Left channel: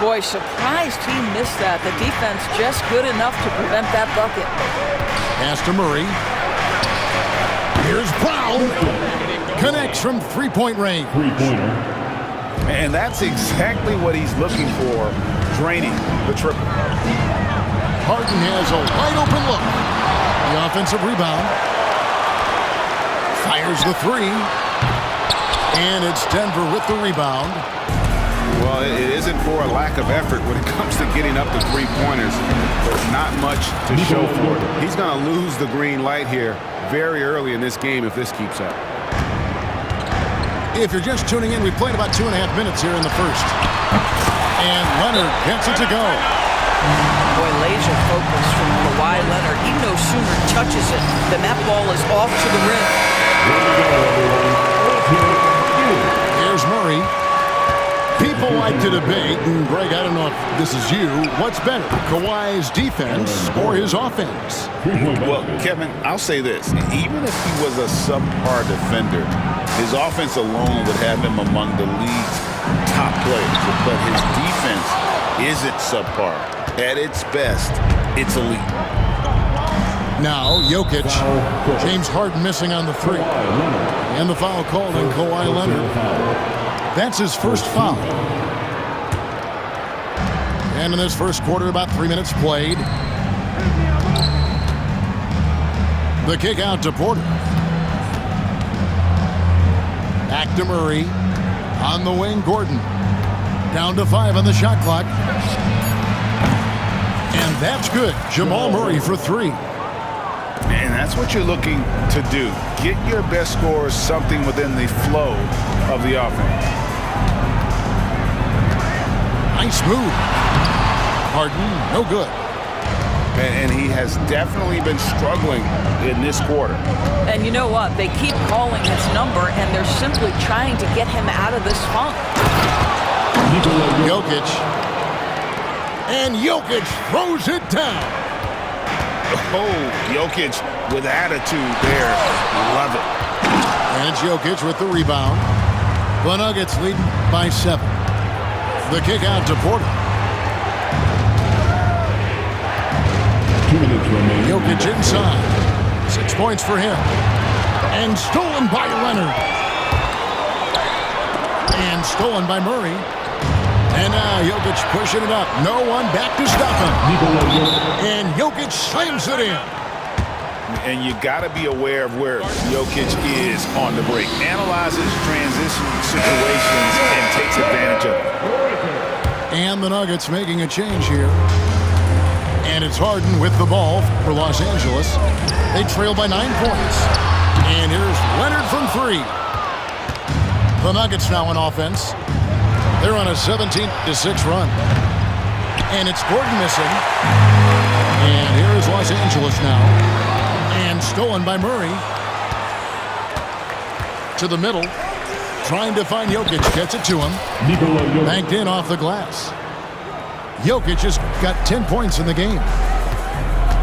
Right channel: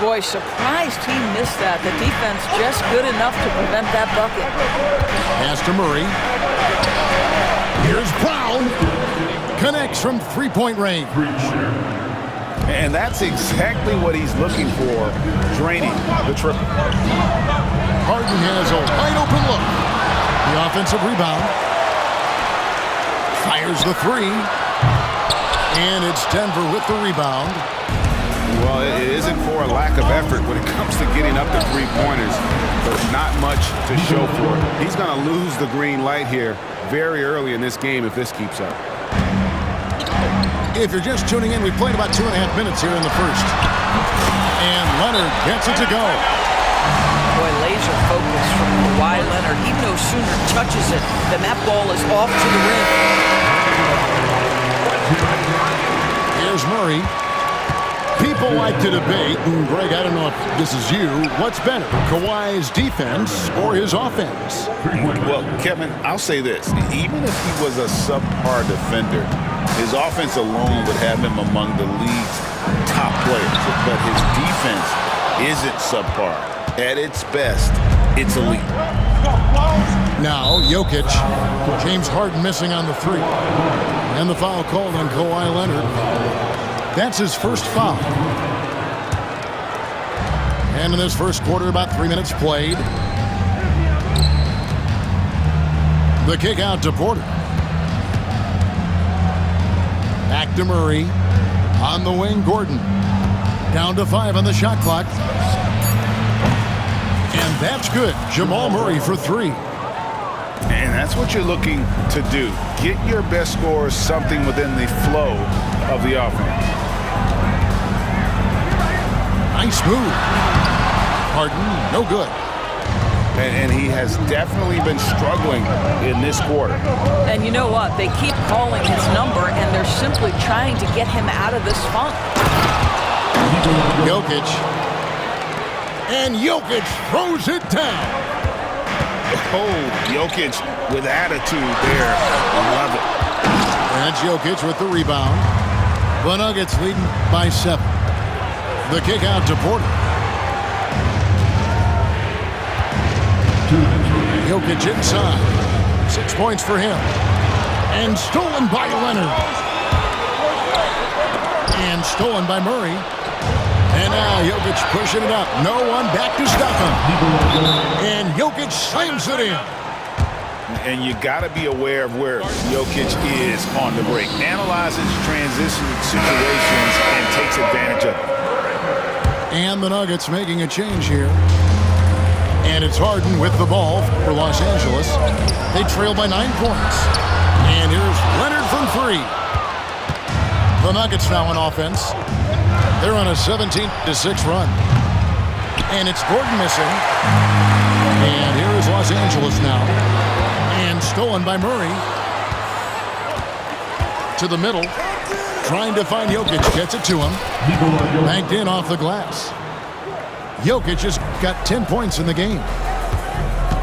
Boy, surprised he missed that. The defense just good enough to prevent that bucket. Pass to Murray. Here's Brown. Connects from three-point range. And that's exactly what he's looking for, draining the triple. Harden has a wide-open look. The offensive rebound. Fires the three. And it's Denver with the rebound. Well, it isn't for a lack of effort when it comes to getting up to three-pointers, but not much to show for it. He's going to lose the green light here very early in this game if this keeps up. If you're just tuning in, we played about 2.5 minutes here in the first. And Leonard gets it to go. Boy, laser focus from Kawhi Leonard. He no sooner touches it than that ball is off to the rim. Here's Murray. People like to debate, and Greg, I don't know if this is you, what's better, Kawhi's defense or his offense? Well, Kevin, I'll say this. Even if he was a subpar defender, his offense alone would have him among the league's top players. But his defense isn't subpar. At its best, it's elite. Now, Jokic, James Harden missing on the three. And the foul called on Kawhi Leonard. That's his first foul. And in this first quarter, about 3 minutes played. The kick out to Porter. Back to Murray. On the wing, Gordon. Down to 5 on the shot clock. And that's good. Jamal Murray for 3. And that's what you're looking to do. Get your best scorers something within the flow of the offense. Nice move. Harden, no good. And he has definitely been struggling in this quarter. And you know what? They keep calling his number, and they're simply trying to get him out of this funk. Jokic. And Jokic throws it down. Oh, Jokic with attitude there. I love it. And it's Jokic with the rebound. The Nuggets leading by 7. The kick out to Porter. Jokic inside. 6 points for him. And stolen by Leonard. And stolen by Murray. And now Jokic pushing it up. No one back to stop him. And Jokic slams it in. And you got to be aware of where Jokic is on the break. Analyzes transition situations and takes advantage of it. And the Nuggets making a change here. And it's Harden with the ball for Los Angeles. They trail by 9 points. And here's Leonard from 3. The Nuggets now on offense. They're on a 17-6 run. And it's Gordon missing. And here is Los Angeles now. And stolen by Murray. To the middle. Trying to find Jokic. Gets it to him. Banked in off the glass. Jokic has got 10 points in the game.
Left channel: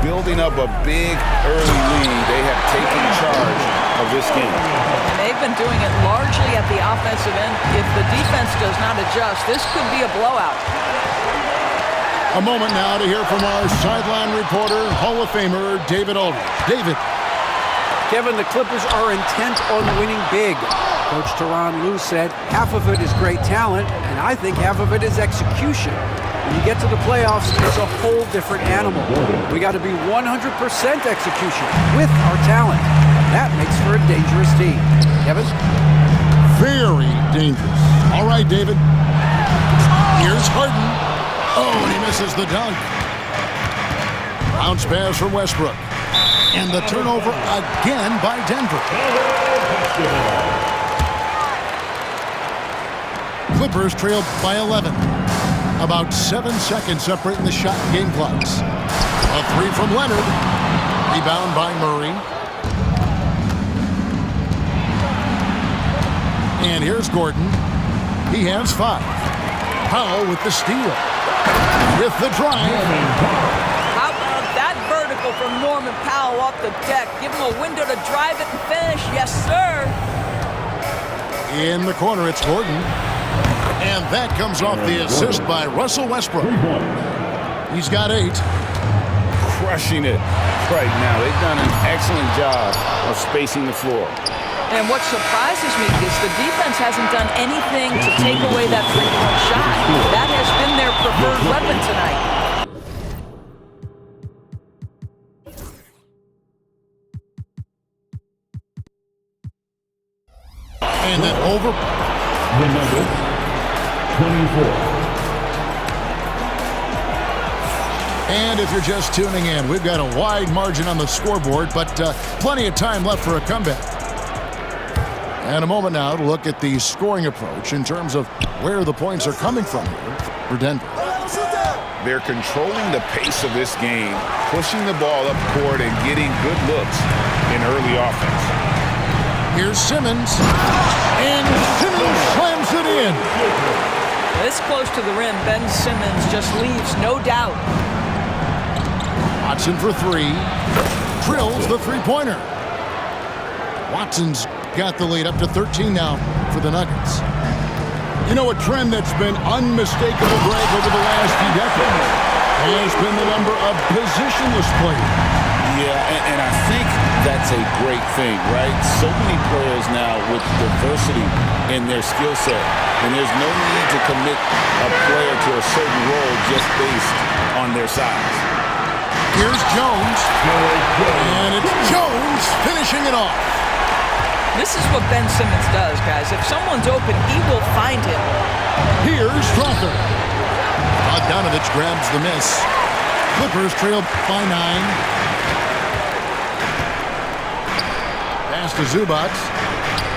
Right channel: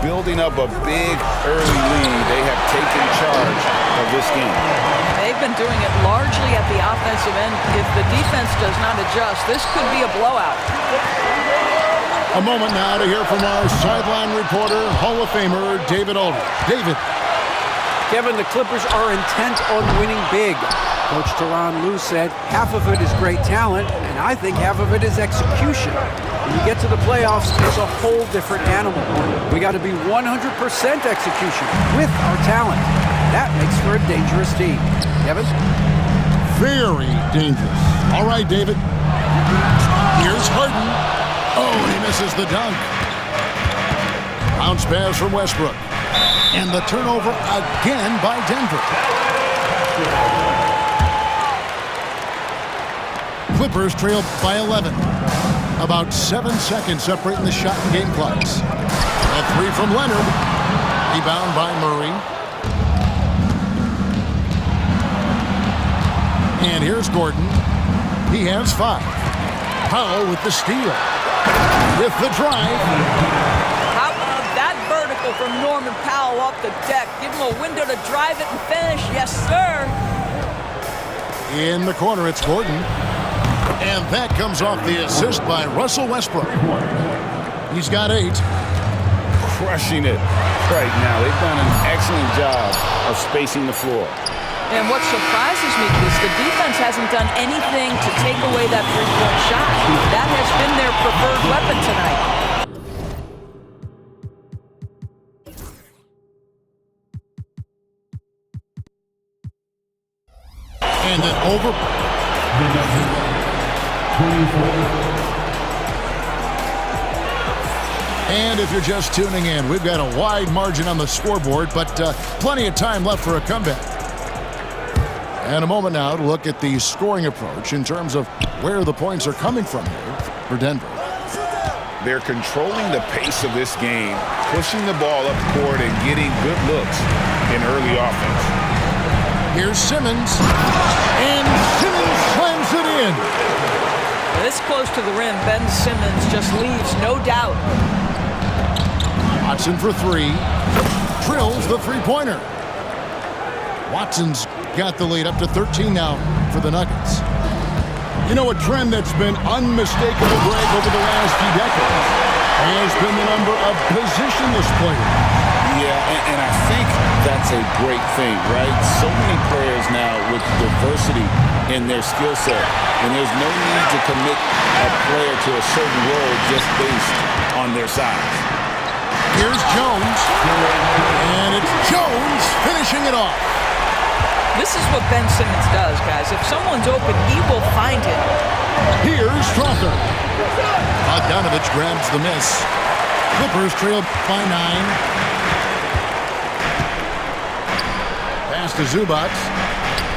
Building up a big early lead. They have taken charge of this game. And they've been doing it largely at the offensive end. If the defense does not adjust, this could be a blowout. A moment now to hear from our sideline reporter, Hall of Famer David Aldridge. David. Kevin, the Clippers are intent on winning big. Coach Tyronn Lue said half of it is great talent, and I think half of it is execution. When you get to the playoffs, it's a whole different animal. We got to be 100% execution with our talent. That makes for a dangerous team. Kevin? Very dangerous. All right, David. Here's Harden. Oh, and he misses the dunk. Bounce pass from Westbrook. And the turnover again by Denver. Clippers trailed by 11. About 7 seconds separating the shot and game clocks. A 3 from Leonard. Rebound by Murray. And here's Gordon. He has 5. Powell with the steal. With the drive. How about that vertical from Norman Powell off the deck? Give him a window to drive it and finish. Yes, sir. In the corner, it's Gordon. And that comes off the assist by Russell Westbrook. He's got 8. Crushing it right now. They've done an excellent job of spacing the floor. And what surprises me is the defense hasn't done anything to take away that three-point shot. That has been their preferred weapon tonight. And then over. The Nuggets, 24. And if you're just tuning in, we've got a wide margin on the scoreboard, but plenty of time left for a comeback. And a moment now to look at the scoring approach in terms of where the points are coming from here for Denver. They're controlling the pace of this game, pushing the ball up court and getting good looks in early offense. Here's Simmons, and Simmons slams it in. This close to the rim, Ben Simmons just leaves no doubt. Watson for 3, drills the three-pointer. Watson's got the lead up to 13 now for the Nuggets. You know, a trend that's been unmistakable, Greg, over the last few decades has been the number of positionless players. Yeah, and I think that's a great thing, right? So many players now with diversity in their skill set, and there's no need to commit a player to a certain role just based on their size. Here's Jones, and it's Jones finishing it off. This is what Ben Simmons does, guys. If someone's open, he will find him. Here's Strother. Bogdanovich grabs the miss. Clippers trail by 9. Pass to Zubac.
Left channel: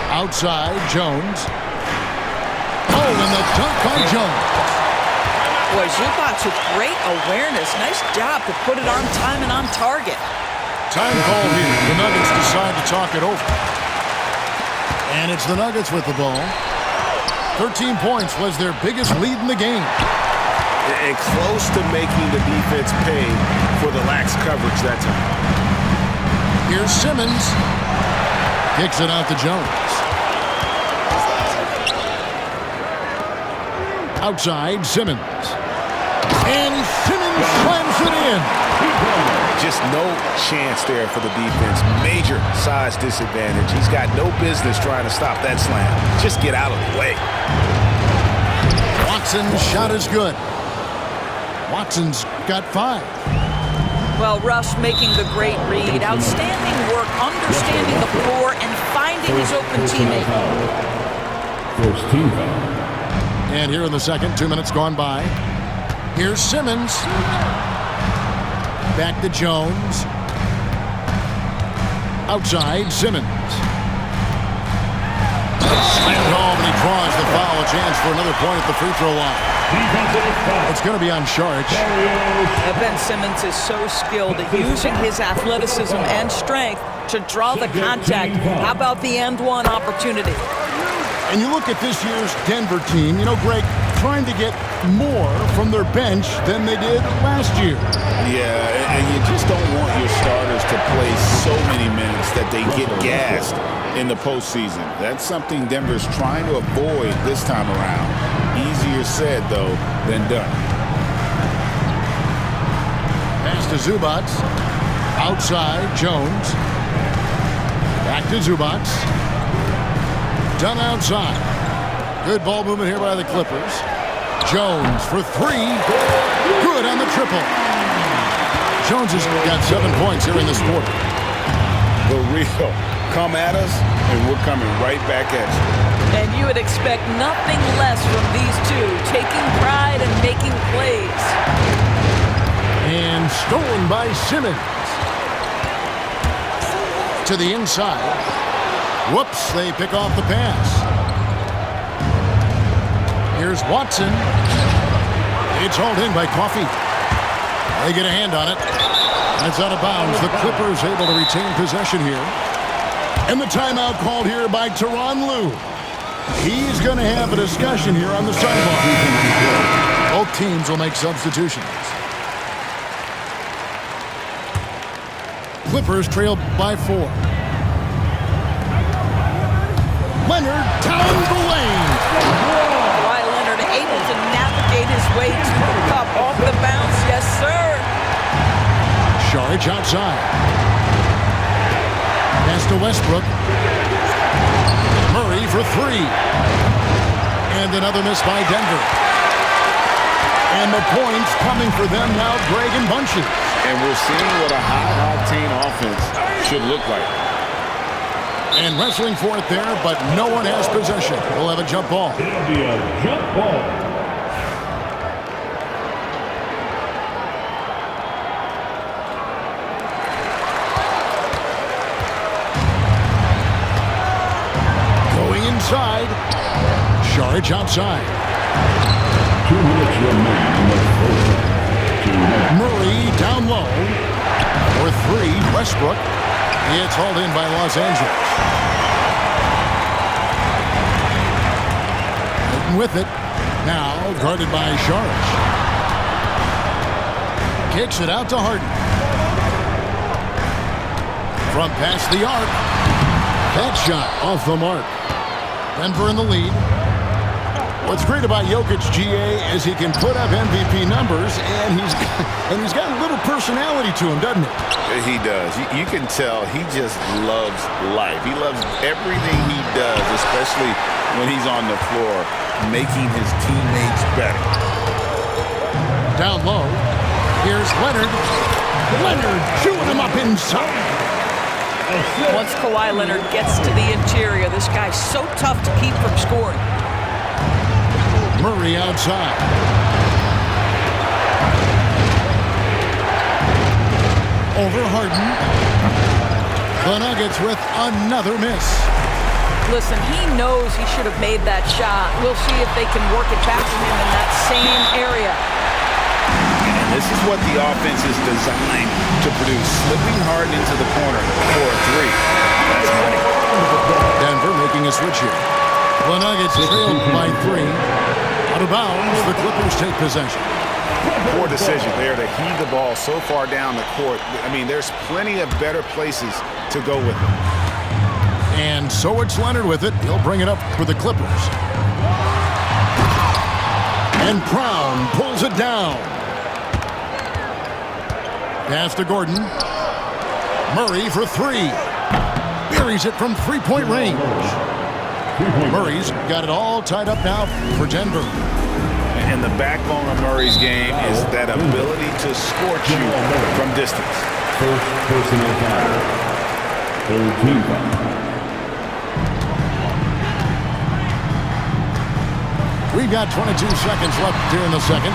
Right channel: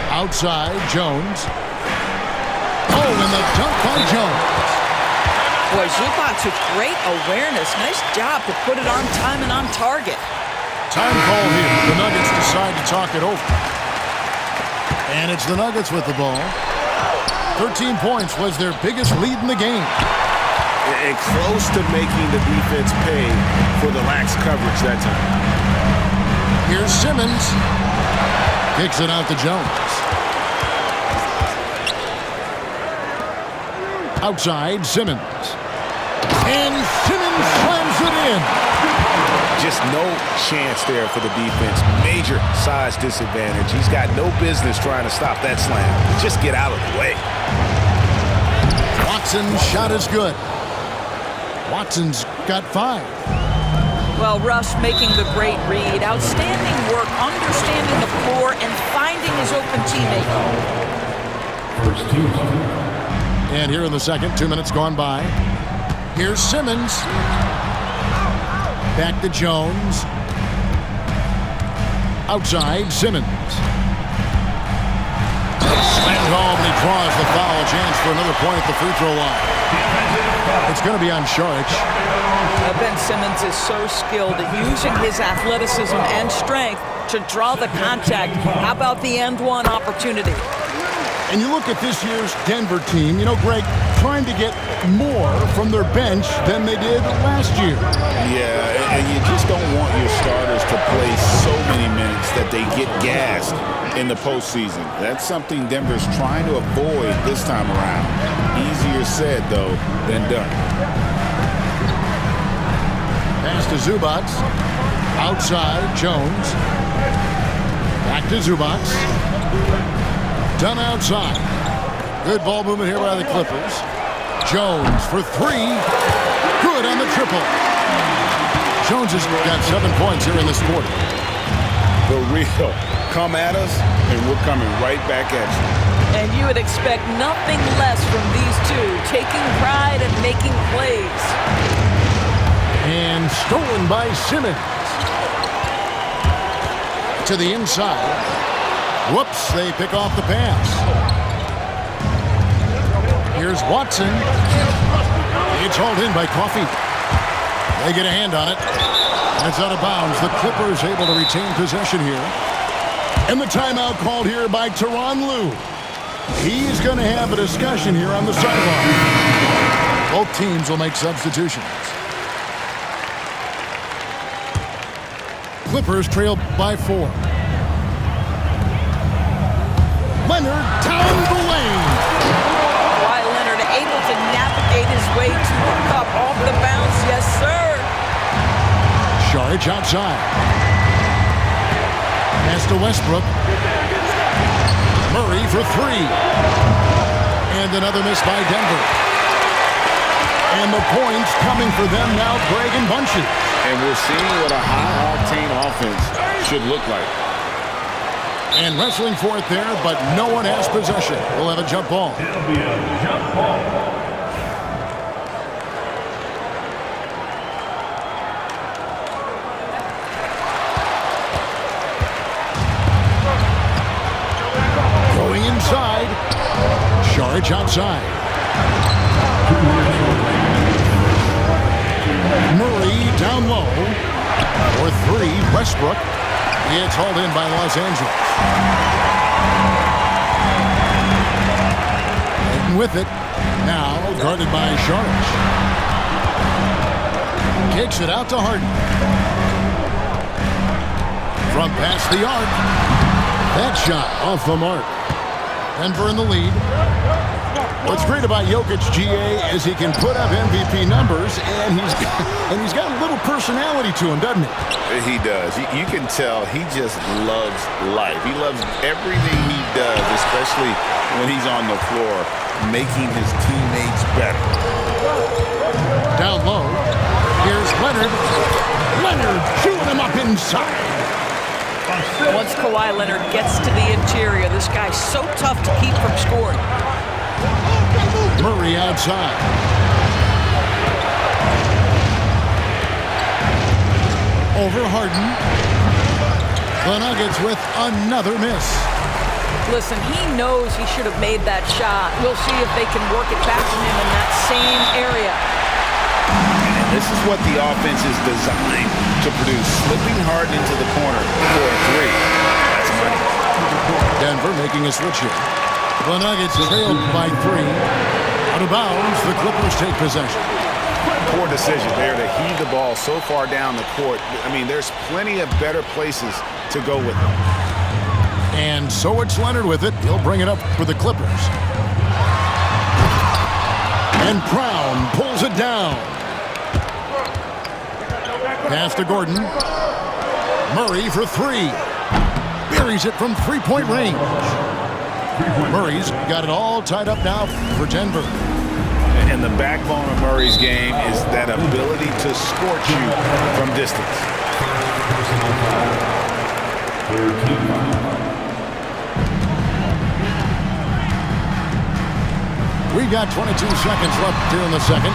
Outside, Jones. Oh, and the dunk by Jones. Boy, Zubac with great awareness. Nice job to put it on time and on target. Time call here. The Nuggets decide to talk it over. And it's the Nuggets with the ball. 13 points was their biggest lead in the game. And close to making the defense pay for the lax coverage that time. Here's Simmons. Kicks it out to Jones. Outside, Simmons. And Simmons slams it in. Just no chance there for the defense. Major size disadvantage. He's got no business trying to stop that slam. Just get out of the way. Watson's shot is good. Watson's got 5. Well, Russ making the great read. Outstanding work, understanding the floor, and finding his open teammate. First team. And here in the second, 2 minutes gone by. Here's Simmons. Back to Jones. Outside, Simmons. Slammed home, and he draws the foul. A chance for another point at the free throw line. It's going to be on Šarić. Ben Simmons is so skilled at using his athleticism and strength to draw the contact. How about the end one opportunity? And you look at this year's Denver team, you know, Greg, trying to get more from their bench than they did last year. Yeah, and you just don't want your starters to play so many minutes that they get gassed in the postseason. That's something Denver's trying to avoid this time around. Easier said, though, than done. Pass to Zubac. Outside, Jones. Back to Zubac. Done outside. Good ball movement here by the Clippers. Jones for 3. Good on the triple. Jones has got 7 points here in this quarter. The real. Come at us, and we're coming right back at you. And you would expect nothing less from these two, taking pride and making plays. And stolen by Simmons. To the inside. Whoops, they pick off the pass. Here's Watson. It's hauled in by Coffey. They get a hand on it, and it's out of bounds. The Clippers able to retain possession here. And the timeout called here by Tyronn Lue. He's going to have a discussion here on the sideline. Both teams will make substitutions. Clippers trail by 4. Leonard down the lane. Kawhi Leonard able to navigate his way to the cup. Off the bounce, yes, sir. Saric outside. Pass to Westbrook. Murray for three. And another miss by Denver. And the points coming for them now, Greg, in bunches. And we're seeing what a high-octane offense should look like. And wrestling for it there, but no one has possession. We'll have a jump ball. It'll be a jump ball. Going inside. Saric outside. 2 minutes remaining in the first half. Murray down low. For three, Westbrook. It's hauled in by Los Angeles. Harden with it. Now guarded by Saric. Kicks it out to Harden. From past the arc. That shot off the mark. Denver in the lead. What's great about Jokic, GA, is he can put up MVP numbers, and he's got a little personality to him, doesn't he? He does. You can tell he just loves life. He loves everything he does, especially when he's on the floor, making his teammates better. Down low. Here's Leonard. Leonard chewing him up inside. Once Kawhi Leonard gets to the interior, this guy's so tough to keep from scoring. Murray outside. Over Harden. The Nuggets with another miss. Listen, he knows he should have made that shot. We'll see if they can work it back to him in that same area. And this is what the offense is designed to produce. Slipping Harden into the corner for a three. That's money. Denver making a switch here. The Nuggets trailed by three. Out of bounds, the Clippers take possession. Poor decision there to heave the ball so far down the court. I mean, there's plenty of better places to go with it. And so it's Leonard with it. He'll bring it up for the Clippers. And Brown pulls it down. Pass to Gordon. Murray for three. Buries it from three-point range. Murray's got it all tied up now for Denver. And the backbone of Murray's game is that ability to scorch you from distance. First personal foul. Third team foul. We've got 22 seconds left here in the second.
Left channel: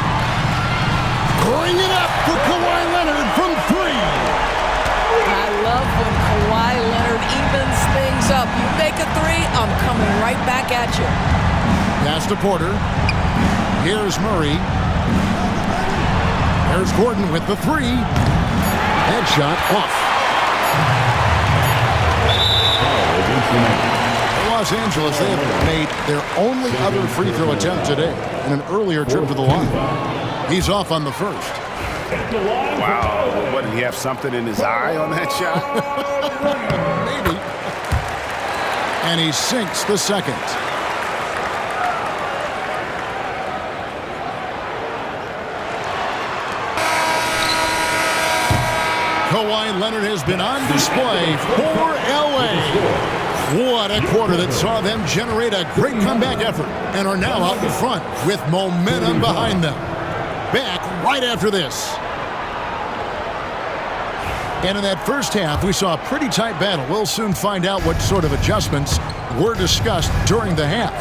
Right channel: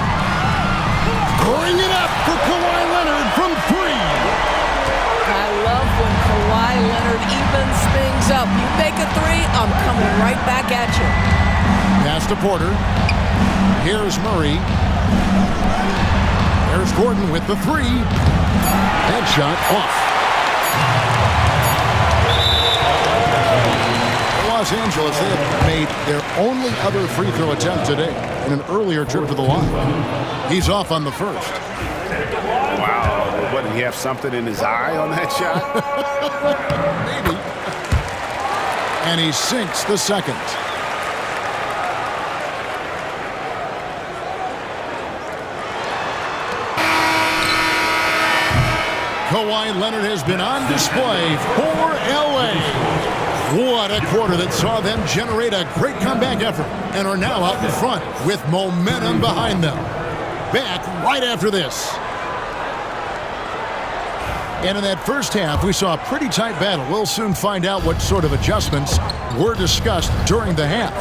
Bring it up for Kawhi Leonard from three. I love when Kawhi Leonard evens things up. You make a three, I'm coming right back at you. Pass to Porter. Here's Murray. There's Gordon with the three. That shot off. For Los Angeles, they have made their only other free throw attempt today in an earlier trip to the line. He's off on the first. Wow. What, did he have something in his eye on that shot? Maybe. And he sinks the second. Kawhi Leonard has been on display for LA. What a quarter that saw them generate a great comeback effort and are now out in front with momentum behind them. Back right after this. And in that first half, we saw a pretty tight battle. We'll soon find out what sort of adjustments were discussed during the half.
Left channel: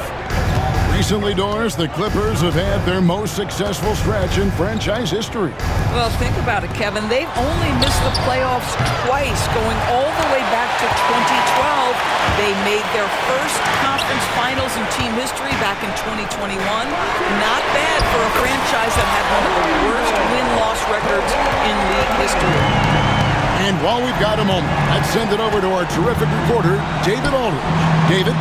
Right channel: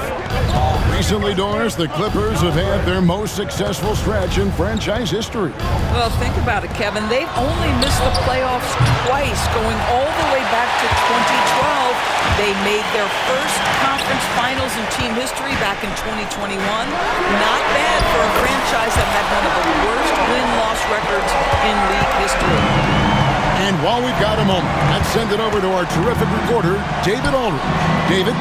Recently, Doris, the Clippers have had their most successful stretch in franchise history. Well, think about it, Kevin. They've only missed the playoffs twice, going all the way back to 2012. They made their first conference finals in team history back in 2021. Not bad for a franchise that had one of the worst win-loss records in league history. And while we've got a moment, let's send it over to our terrific reporter, David Aldridge. David?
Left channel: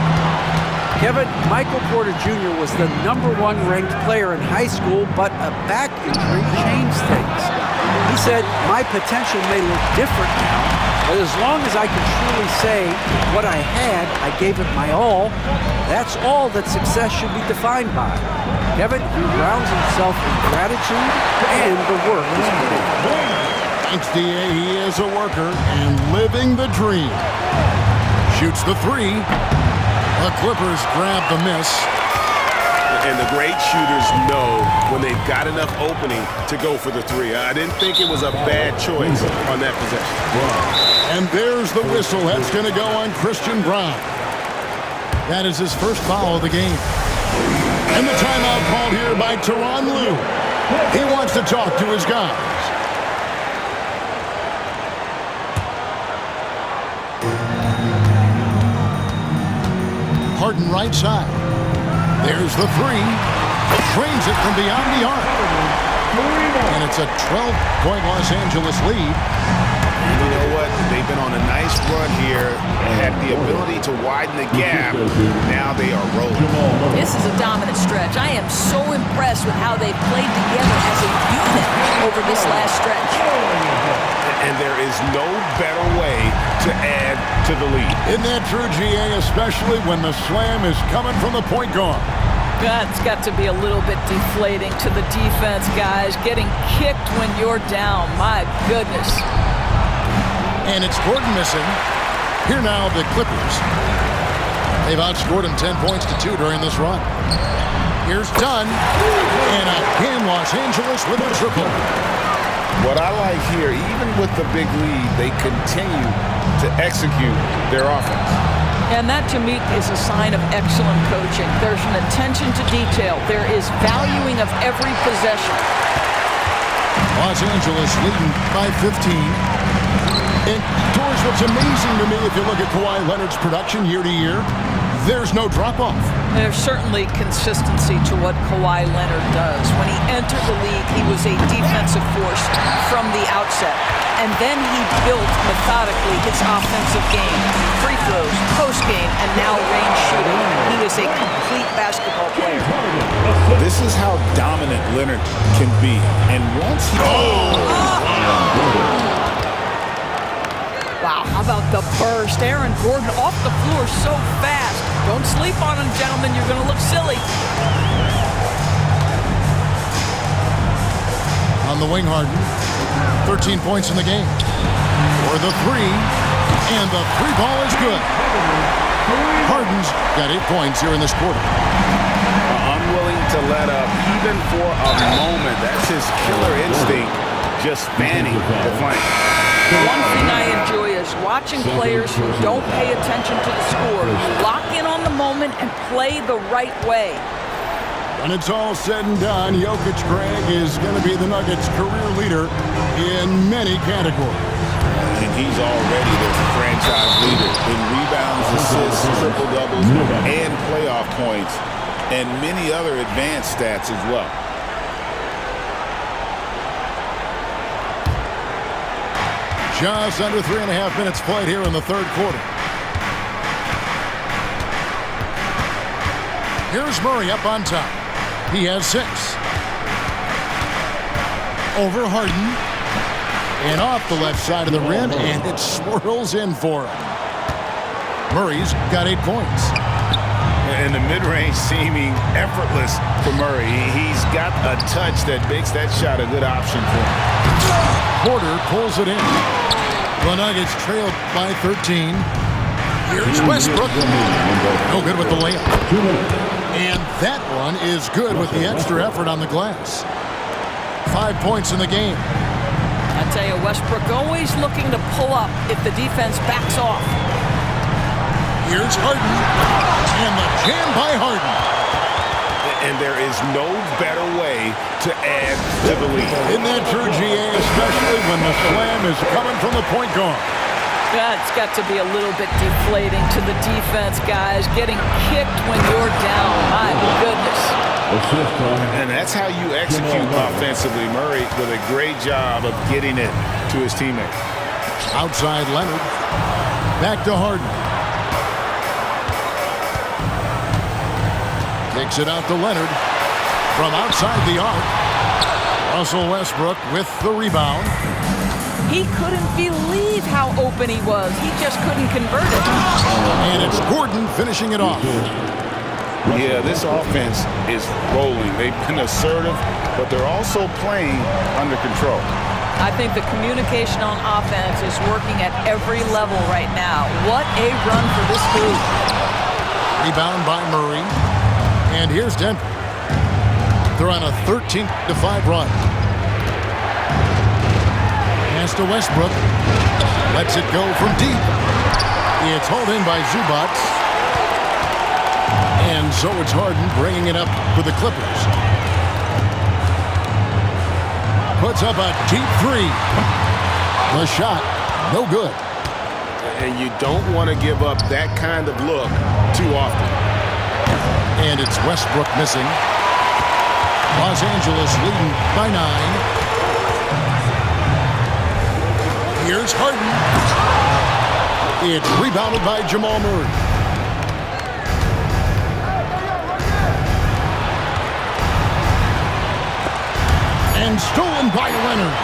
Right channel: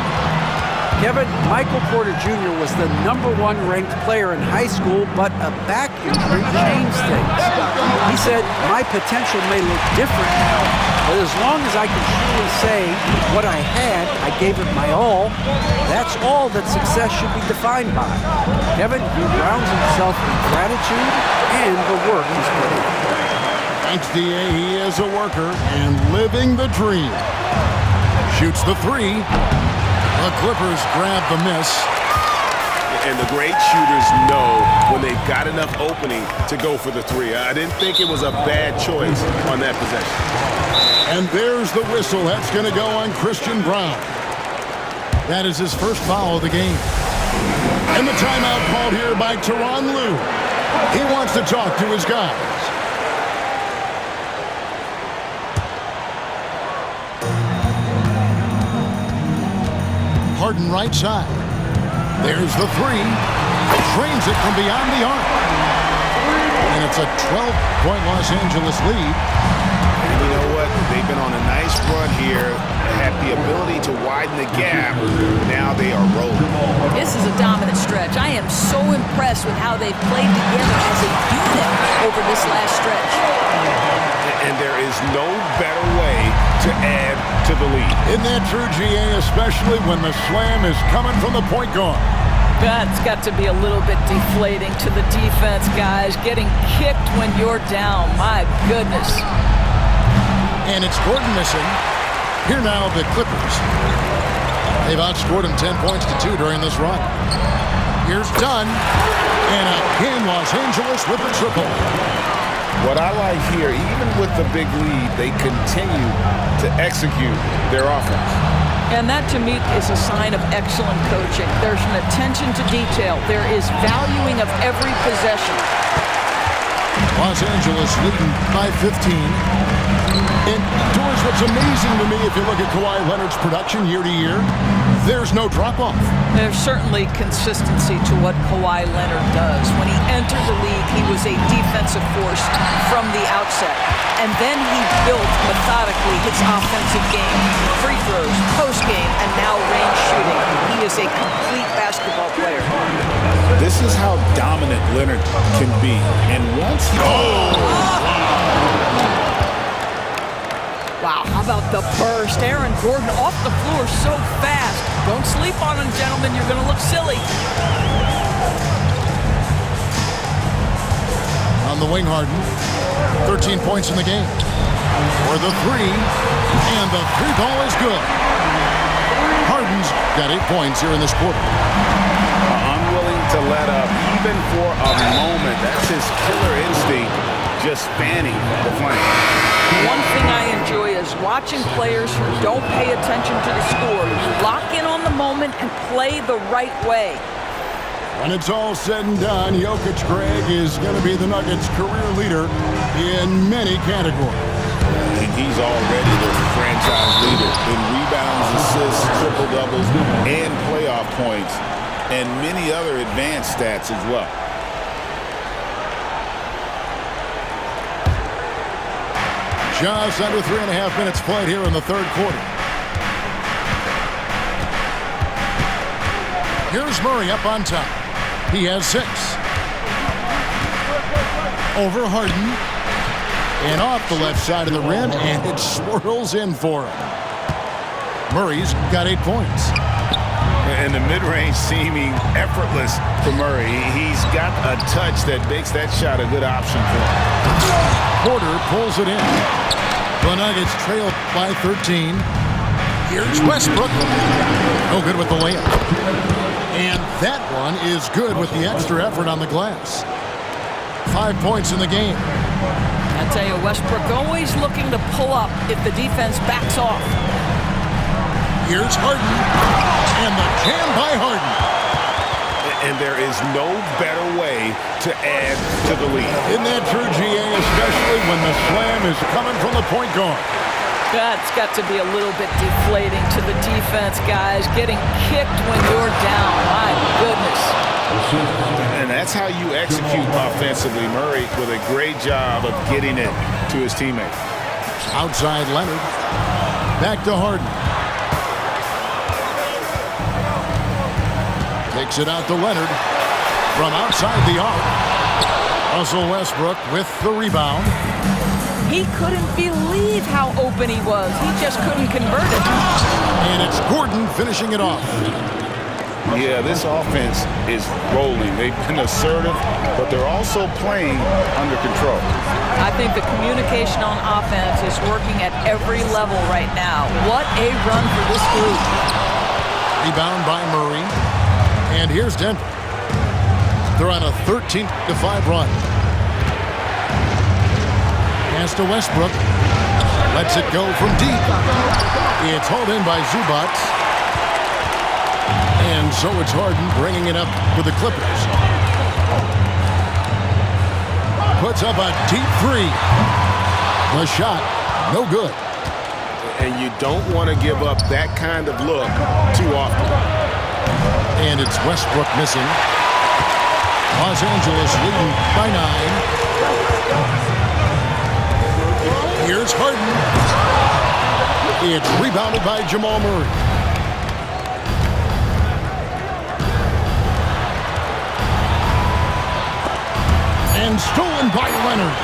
Kevin, Michael Porter Jr. was the #1 ranked player in high school, but a back injury changed things. He said, "My potential may look different now, but as long as I can truly say what I had, I gave it my all, that's all that success should be defined by." Kevin, he grounds himself in gratitude and the work he's put in. Thanks, D.A. He is a worker and living the dream. Shoots the three. The Clippers grab the miss. And the great shooters know when they've got enough opening to go for the three. I didn't think it was a bad choice on that possession. And there's the whistle. That's going to go on Christian Braun. That is his first foul of the game. And the timeout called here by Tyronn Lue. He wants to talk to his guys. Harden right side. There's the three. Drains it from beyond the arc. And it's a 12-point Los Angeles lead. And you know what? They've been on a nice run here and had the ability to widen the gap. Now they are rolling. This is a dominant stretch. I am so impressed with how they've played together as a unit over this last stretch. And there is no better way to add to the lead. Isn't that true, GA? Especially when the slam is coming from the point guard. That's got to be a little bit deflating to the defense, guys. Getting kicked when you're down. My goodness. And it's Gordon missing. Here now, the Clippers. They've outscored him 10 points to 2 during this run. Here's Dunn. And again, Los Angeles with a triple. What I like here, even with the big lead, they continue to execute their offense. And that, to me, is a sign of excellent coaching. There's an attention to detail. There is valuing of every possession. Los Angeles leading by 15. And, Doris, what's amazing to me, if you look at Kawhi Leonard's production year to year, there's no drop-off. There's certainly consistency to what Kawhi Leonard does. When he entered the league, he was a defensive force from the outset. And then he built methodically his offensive game. Free throws, post-game, and now range shooting. He is a complete basketball player. This is how dominant Leonard can be. And once he... Wow, how about the burst? Aaron Gordon off the floor so fast. Don't sleep on him, gentlemen. You're going to look silly. On the wing, Harden. 13 points in the game. For the three. And the three ball is good. Harden's got 8 points here in this quarter. Unwilling to let up even for a moment. That's his killer instinct, just fanning the flame. One thing I enjoy is watching players who don't pay attention to the score. Lock in on the moment and play the right way. When it's all said and done, Jokic, Greg, is going to be the Nuggets' career leader in many categories. And he's already their franchise leader in rebounds, assists, triple-doubles, and playoff points, and many other advanced stats as well. Just under 3.5 minutes played here in the third quarter. Here's Murray up on top. He has 6. Over Harden. And off the left side of the rim, and it swirls in for him. Murray's got 8 points. And the mid-range seeming effortless for Murray. He's got a touch that makes that shot a good option for him. Porter pulls it in. The Nuggets trail by 13. Here's Westbrook. No good with the layup. And that one is good with the extra effort on the glass. 5 points in the game. I tell you, Westbrook always looking to pull up if the defense backs off. Here's Harden. And the jam by Harden. And there is no better way to add to the lead. Isn't that true, GA? Especially when the slam is coming from the point guard. That's got to be a little bit deflating to the defense, guys. Getting kicked when you're down. My goodness. And that's how you execute offensively. Murray with a great job of getting it to his teammate. Outside Leonard. Back to Harden. Takes it out to Leonard from outside the arc. Russell Westbrook with the rebound. He couldn't believe how open he was. He just couldn't convert it. And it's Gordon finishing it off. Yeah, this offense is rolling. They've been assertive, but they're also playing under control. I think the communication on offense is working at every level right now. What a run for this group. Rebound by Murray. And here's Denver. They're on a 13-5 run. Pass to Westbrook. Lets it go from deep. It's hauled in by Zubac. And so it's Harden bringing it up for the Clippers. Puts up a deep three. The shot, no good. And you don't want to give up that kind of look too often. And it's Westbrook missing. Los Angeles leading by 9. Here's Harden. It's rebounded by Jamal Murray. And stolen by Leonard.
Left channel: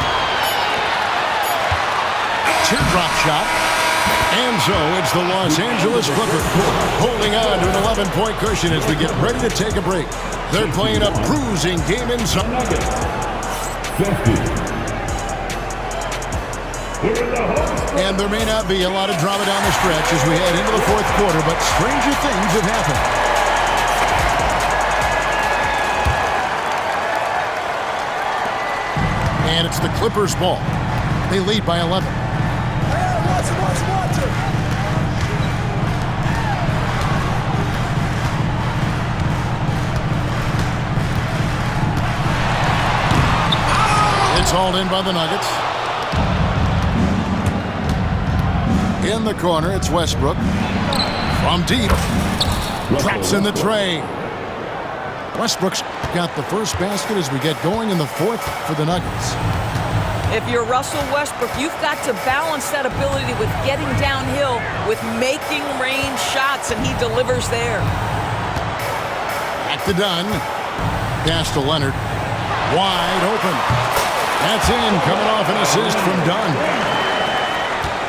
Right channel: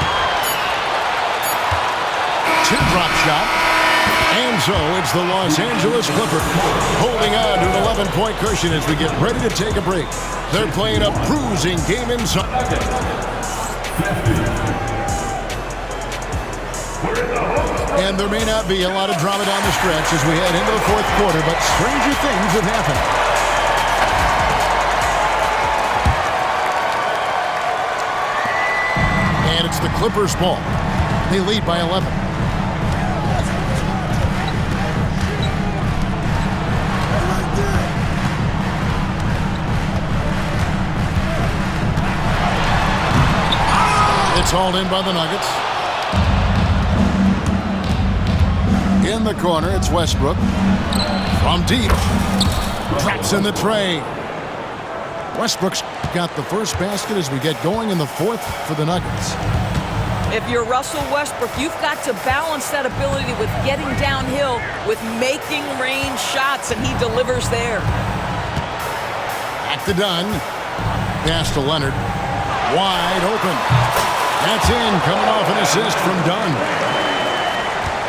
Teardrop shot. And so it's the Los Angeles Clippers holding on to an 11-point cushion as we get ready to take a break. They're playing a bruising game inside. 50. And there may not be a lot of drama down the stretch as we head into the fourth quarter, but stranger things have happened. And it's the Clippers' ball. They lead by 11. It's hauled in by the Nuggets. In the corner, it's Westbrook. From deep. Drops in the tray. Westbrook's got the first basket as we get going in the fourth for the Nuggets. If you're Russell Westbrook, you've got to balance that ability with getting downhill with making range shots, and he delivers there. Back to Dunn. Pass to Leonard. Wide open. That's in, coming off an assist from Dunn.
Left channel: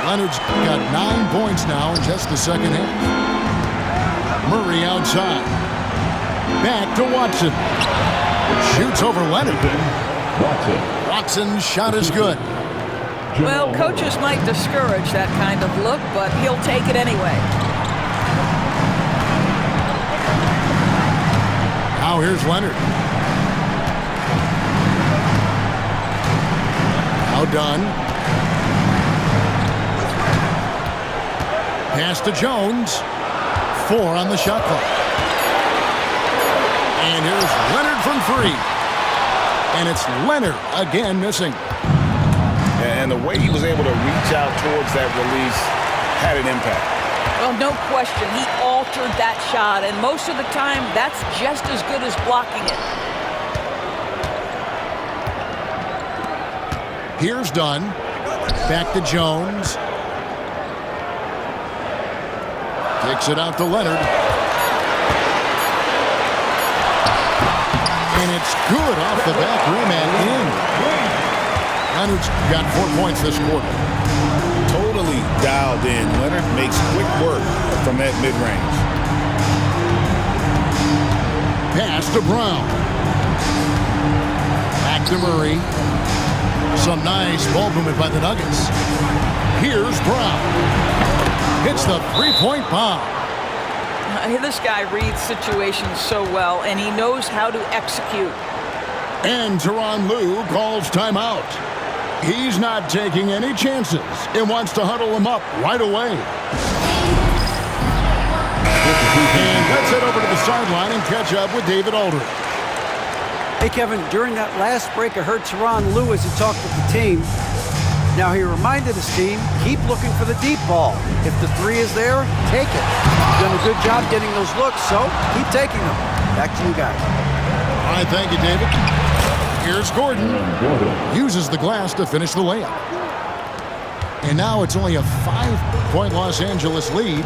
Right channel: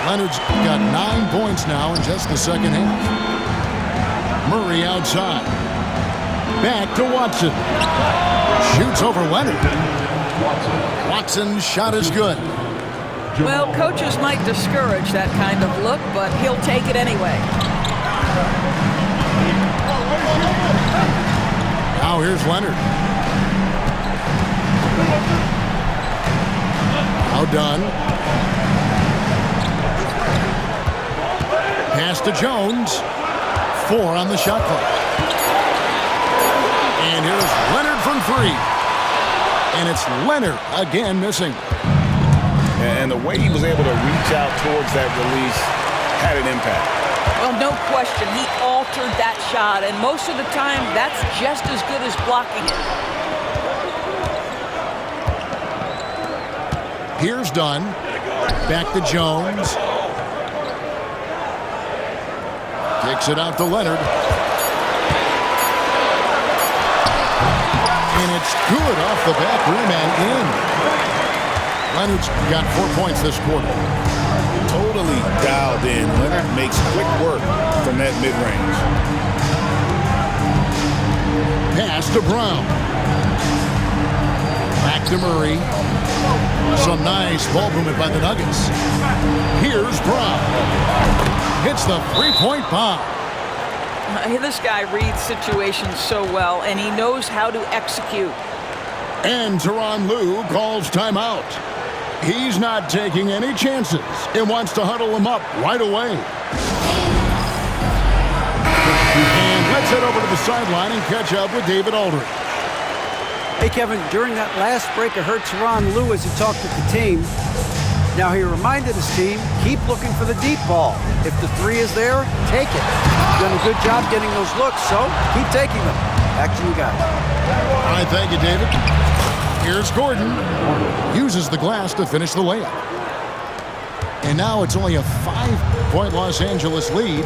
Leonard's got 9 points now in just the second half. Murray outside. Back to Watson. Shoots over Leonard. Watson's shot is good. Well, coaches might discourage that kind of look, but he'll take it anyway. Now here's Leonard. Now Dunn. Pass to Jones. 4 on the shot clock. And here's Leonard from 3. And it's Leonard again missing. And the way he was able to reach out towards that release had an impact. Well, no question. He altered that shot, and most of the time, that's just as good as blocking it. Here's Dunn. Back to Jones. Kicks it out to Leonard. And it's good off the back rim and in. Leonard's got 4 points this quarter. Totally dialed in. Leonard makes quick work from that mid-range. Pass to Brown. Back to Murray. Some nice ball movement by the Nuggets. Here's Brown. Hits the three-point bomb. This guy reads situations so well, and he knows how to execute. And Tyronn Lue calls timeout. He's not taking any chances and wants to huddle him up right away. And let's head over to the sideline and catch up with David Aldridge. Hey, Kevin, during that last break, I heard Tyronn Lue as he talked with the team. Now, he reminded his team, keep looking for the deep ball. If the 3 is there, take it. You've done a good job getting those looks, so keep taking them. Back to you guys. All right, thank you, David. Here's Gordon. Uses the glass to finish the layup. And now it's only a 5-point Los Angeles lead.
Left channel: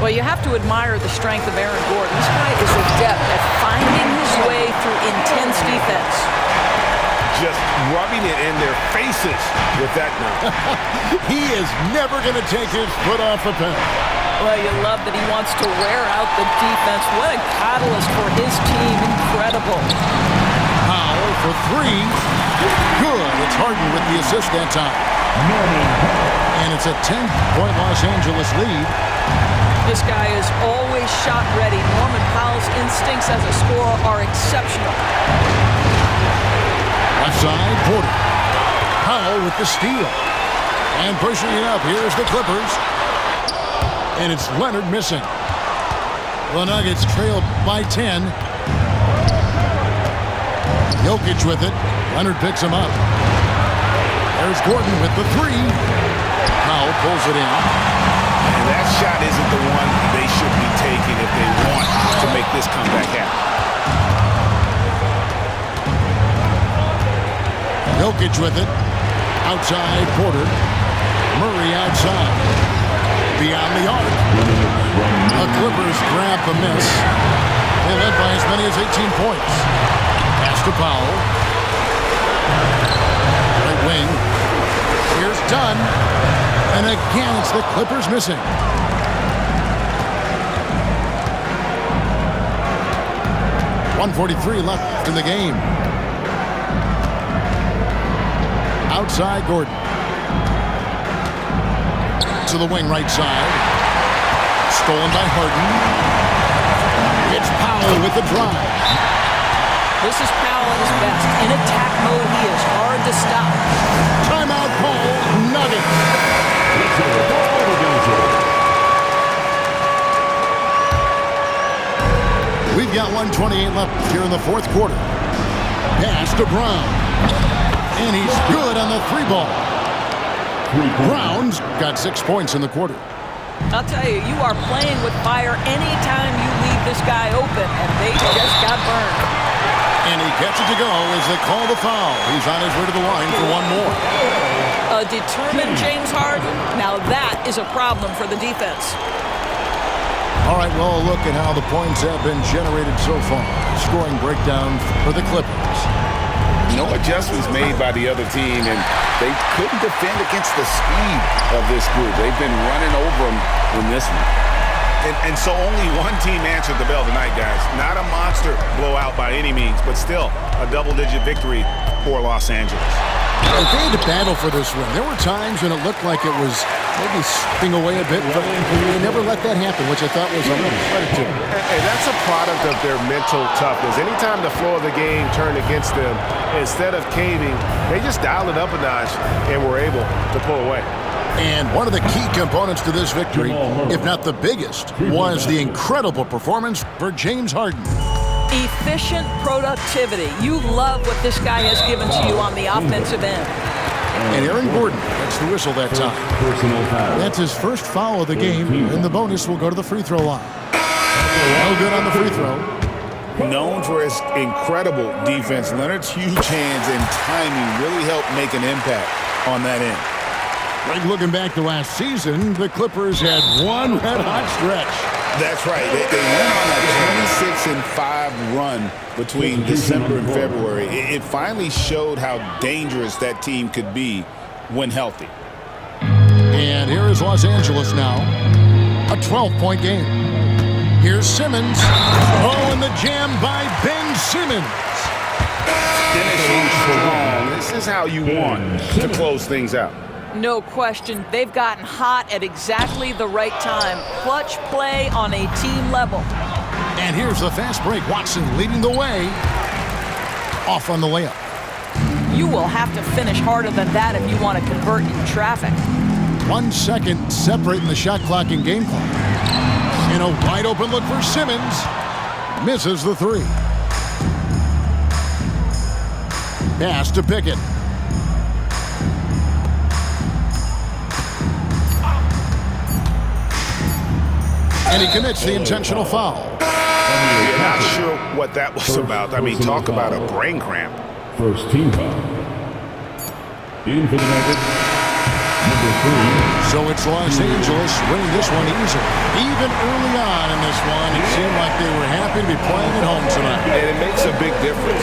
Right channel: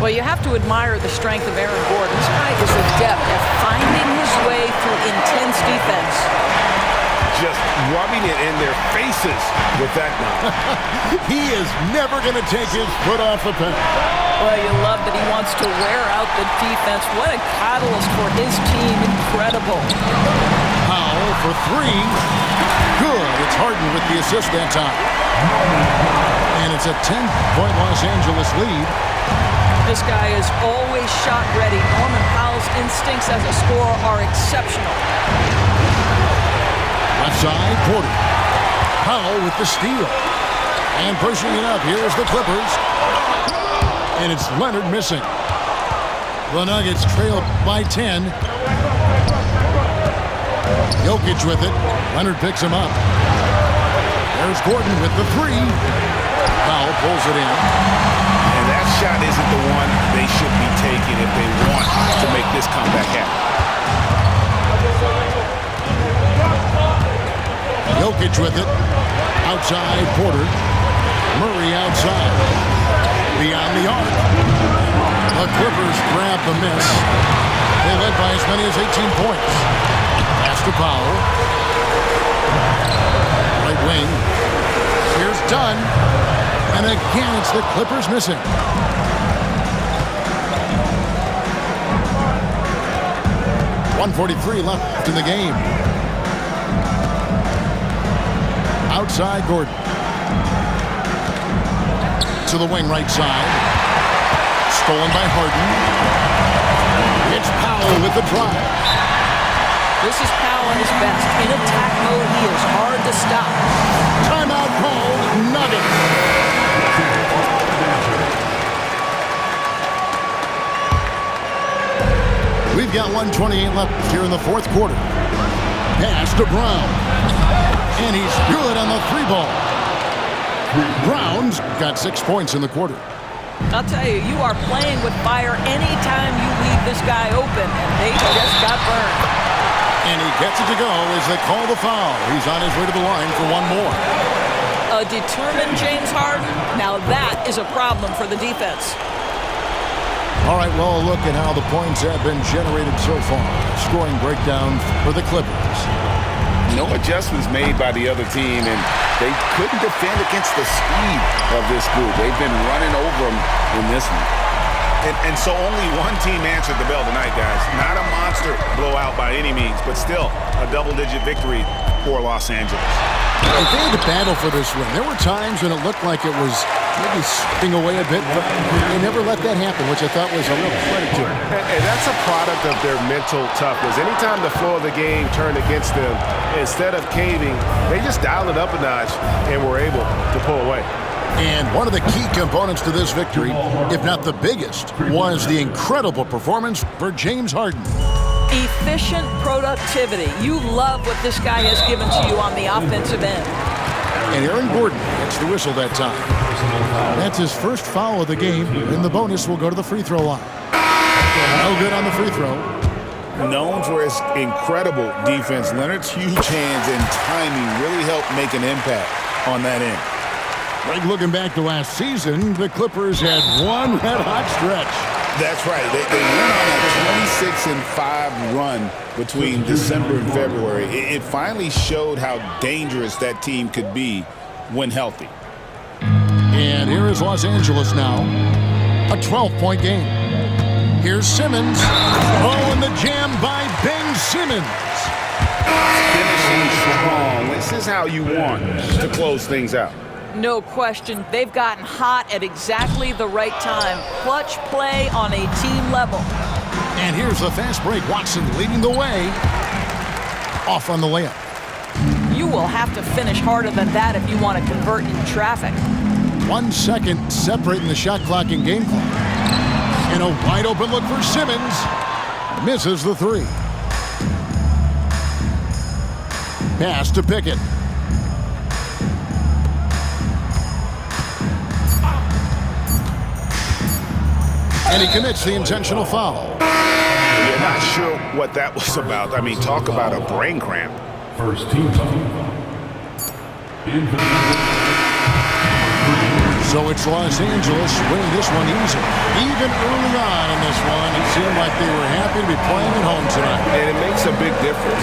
Well, you have to admire the strength of Aaron Gordon. This guy is adept at finding his way through intense defense. Just rubbing it in their faces with that now. He is never going to take his foot off the pedal. Well, you love that he wants to wear out the defense. What a catalyst for his team. Incredible. Powell for three. Good. It's Harden with the assist that time. And it's a 10-point Los Angeles lead. This guy is always shot ready. Norman Powell's instincts as a scorer are exceptional. Left side, Porter. Powell with the steal. And pushing it up. Here's the Clippers. And it's Leonard missing. The Nuggets trail by 10. Jokic with it. Leonard picks him up. There's Gordon with the three. Powell pulls it in. And that shot isn't the one they should be taking if they want to make this comeback happen. Jokic with it. Outside, Porter. Murray outside. Beyond the arc. The Clippers grab the miss. They led by as many as 18 points. Pass to Powell. Right wing. Here's Dunn. And again, it's the Clippers missing. .143 left in the game. Outside, Gordon. To the wing right side. Stolen by Harden. It's Powell with the drive. This is Powell at his best. In attack mode, he is hard to stop. Timeout call, Nuggets. We've got 1:28 left here in the fourth quarter. Pass to Brown. And he's good on the three ball. Brown's got 6 points in the quarter. I'll tell you, you are playing with fire anytime you leave this guy open, and they just got burned. And he gets it to go as they call the foul. He's on his way to the line for one more. A determined James Harden, now that is a problem for the defense. All right, well, a look at how the points have been generated so far. Scoring breakdown for the Clippers. No adjustments made by the other team, and they couldn't defend against the speed of this group. They've been running over them in this one. And so only one team answered the bell tonight, guys. Not a monster blowout by any means, but still a double-digit victory for Los Angeles. If they had to battle for this win, there were times when it looked like it was maybe slipping away a bit, but they never let that happen, which I thought was a real credit to them. And that's a product of their mental toughness. Anytime the flow of the game turned against them, instead of caving, they just dialed it up a notch and were able to pull away. And one of the key components to this victory, if not the biggest, was the incredible performance for James Harden. Efficient productivity. You love what this guy has given to you on the offensive end. And Aaron Gordon gets the whistle that time. That's his first foul of the game, and the bonus will go to the free throw line. No good on the free throw. Known for his incredible defense, Leonard's huge hands and timing really helped make an impact on that end. Like looking back to last season, the Clippers had one red-hot stretch. That's right. They went on a 26-5 run between December and February. It finally showed how dangerous that team could be when healthy. And here is Los Angeles now. A 12-point game. Here's Simmons. Oh, and the jam by Ben Simmons. Finishing strong. This is how you want to close things out. No question, they've gotten hot at exactly the right time. Clutch play on a team level. And here's the fast break. Watson leading the way. Off on the layup. You will have to finish harder than that if you want to convert in traffic. 1 second separating the shot clock and game clock. And a wide open look for Simmons. Misses the three. Pass to Pickett. And he commits the intentional foul. You're not sure what that was about. I mean, talk about a brain cramp. First team foul. In for the Nuggets, So it's Los Angeles winning this one easily. Even early on in this one, it seemed like they were happy to be playing at home tonight. And it makes a big difference.